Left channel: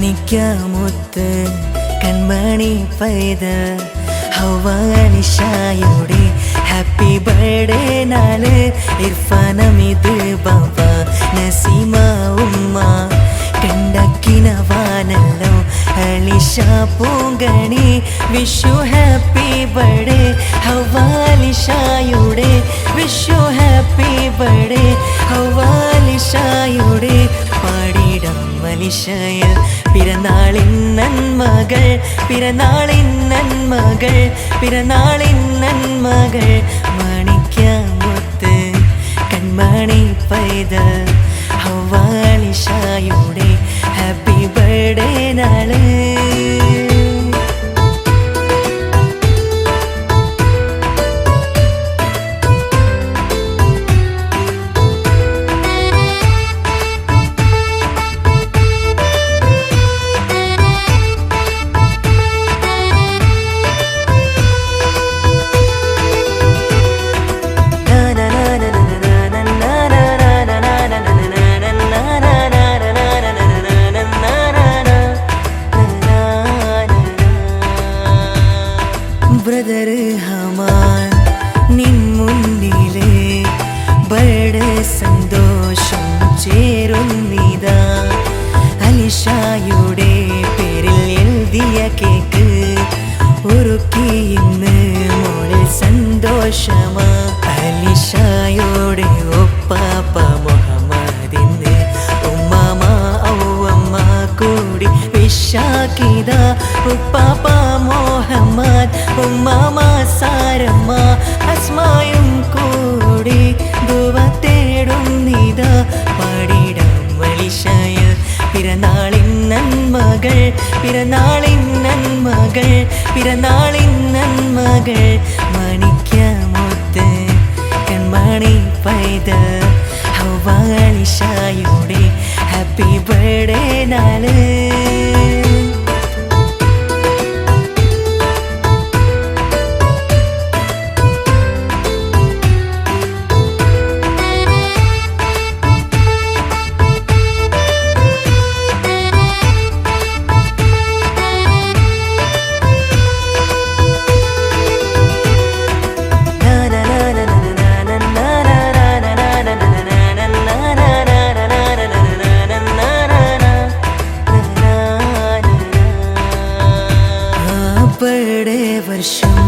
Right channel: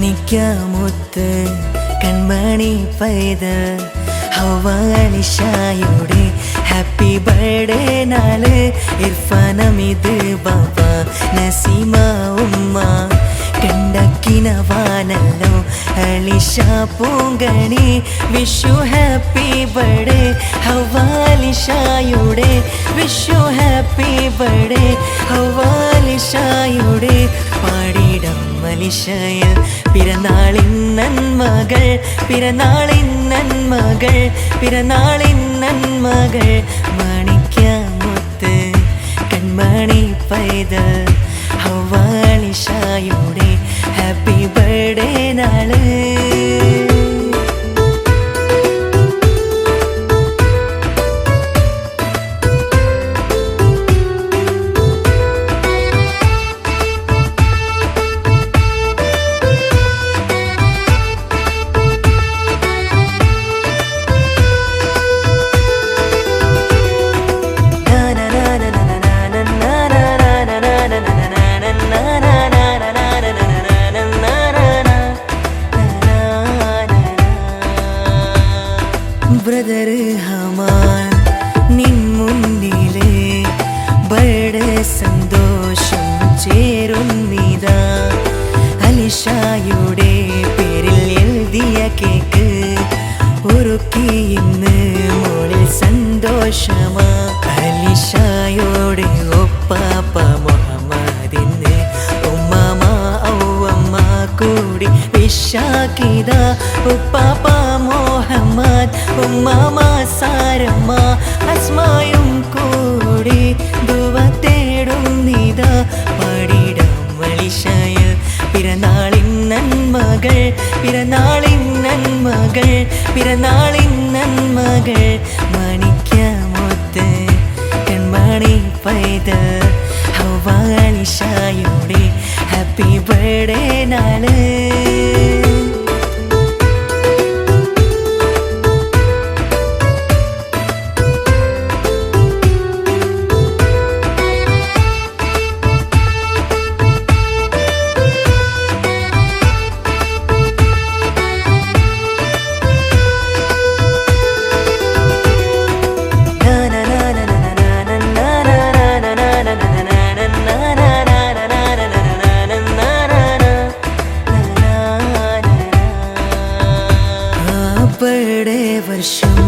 മാണിക്യമുത്ത് കൺമണി പൈതൽ ഹവ്വ അലിഷയുടെ ഹാപ്പി ബർത്ത്ഡേ നാള് ഇർഫാൻ അമീദ് ബാബ നസീമ ഉമ്മ കണ്ടക്കിനവാനല്ലോ അലിഷ പൂങ്കണി വിഷു ഹാപ്പി ബർത്ത്ഡേ ഹവ്വ അലിഷയുടെ വിഷു ഹാപ്പി ബർത്ത്ഡേ ഹവ്വ അലിഷയുടെ പാടിടം അലിഷയിൽ പിറന്നാളിൻ നന്മകൾ പിറന്നാളിൻ നന്മകൾ പിറന്നാളിൻ നന്മകൾ മാണിക്യമുത്ത് കൺമണി പൈതൽ ഹവ്വ അലിഷയുടെ ഹാപ്പി ബർത്ത്ഡേ നാള് ബ്രദർ ഹമാൻ നിൻ മുന്നിലെ ബർത്ത്ഡേ സന്തോഷം ചേരുന്നിതാ അലിഷയുടെ പേരിൽ എഴുതിയ കേക്ക് ഒരുക്കി ഇന്ന് മോളിൽ സന്തോഷമാ അലിഷയുടെ ഒപ്പാപ്പ മുഹമ്മദിന് ഉമ്മാമ ഔവമ്മ കൂടി വിശാഖിത ഉപ്പാപ്പ മുഹമ്മദ് ഉമ്മാമ സാരമ്മ അസ്മായും കൂടി ദുവ തേടുന്നിതാ പാടിടാം അലിഷയിൽ പിറന്നാളിൻ നന്മകൾ പിറന്നാളിൻ നന്മകൾ പിറന്നാളിൻ നന്മകൾ മാണിക്യമുത്ത് കൺമണി പൈതൽ ഹവ്വ അലിഷയുടെ ഹാപ്പി ബർത്ത്ഡേ നാള് ബർത്ത്ഡേ വർഷം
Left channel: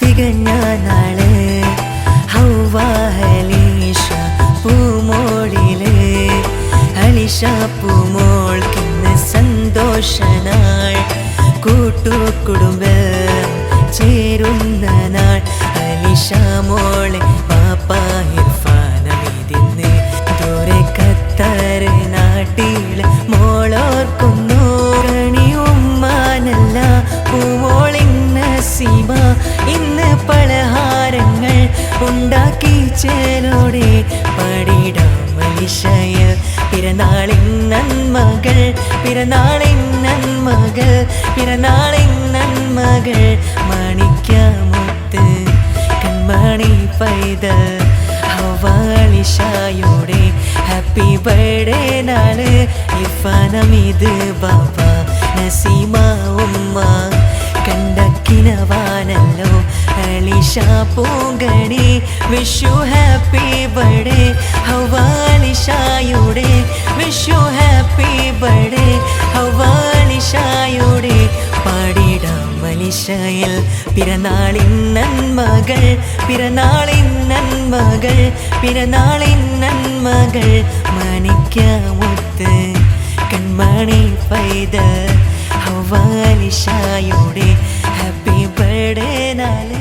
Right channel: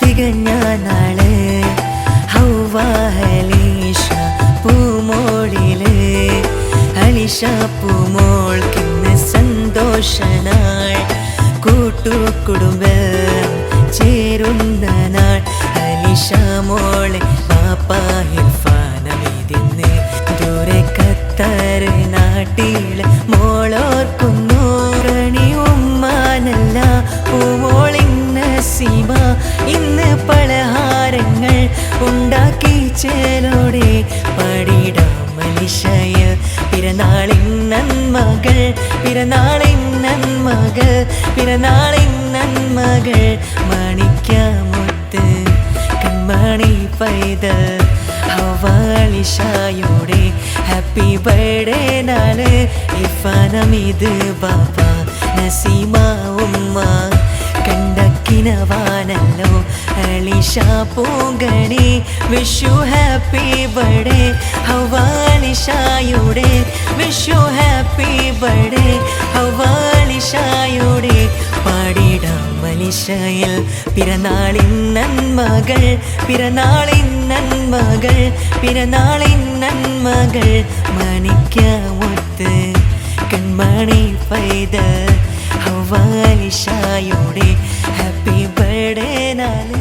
തികഞ്ഞ നാള് ഹവ്വ അലിഷ പൂമോളില് അലിഷ പൂമോൾക്കിന്ന് സന്തോഷനാൾ കൂട്ടുകുടുംബം ചേരുന്ന നാൾ അലിഷ മോളെ പാപ്പ ഇർഫാൻ അമീദിന്ന് ദൂരെ ഖത്തർ നാട്ടില് മോളോർക്കുന്നു കണി ഉമ്മാനല്ല പൂമോളിൻ നസീമ ഇന്ന് പലഹാരങ്ങൾ ഉണ്ടാക്കി ചേലോടെ പാടിടാം അലിഷയിൽ പിറന്നാളിൻ നന്മകൾ പിറന്നാളിൻ നന്മകൾ പിറന്നാളിൻ നന്മകൾ മാണിക്യമുത്ത് കൺമണി പൈതൽ ഹവ്വ അലിഷയുടെ ഹാപ്പി ബർത്ത്ഡേ നാള് ഇർഫാൻ അമീദ് ബാബ നസീമ ഉമ്മ കണ്ടക്കിനവാനല്ലോ അലിഷ പൂങ്കണി വിഷു ഹാപ്പി ബർത്ത്ഡേ ഹവ്വ അലിഷയുടെ വിഷു ഹാപ്പി ബർത്ത്ഡേ ഹവ്വ അലിഷയുടെ പാടിടാം അലിഷയിൽ പിറന്നാളിൻ നന്മകൾ പിറന്നാളിൻ നന്മകൾ പിറന്നാളിൻ നന്മകൾ മാണിക്യമുത്ത് കൺമണി പൈതൽ ഹവ്വ അലിഷയുടെ ഹാപ്പി ബർത്ത്ഡേ നാള്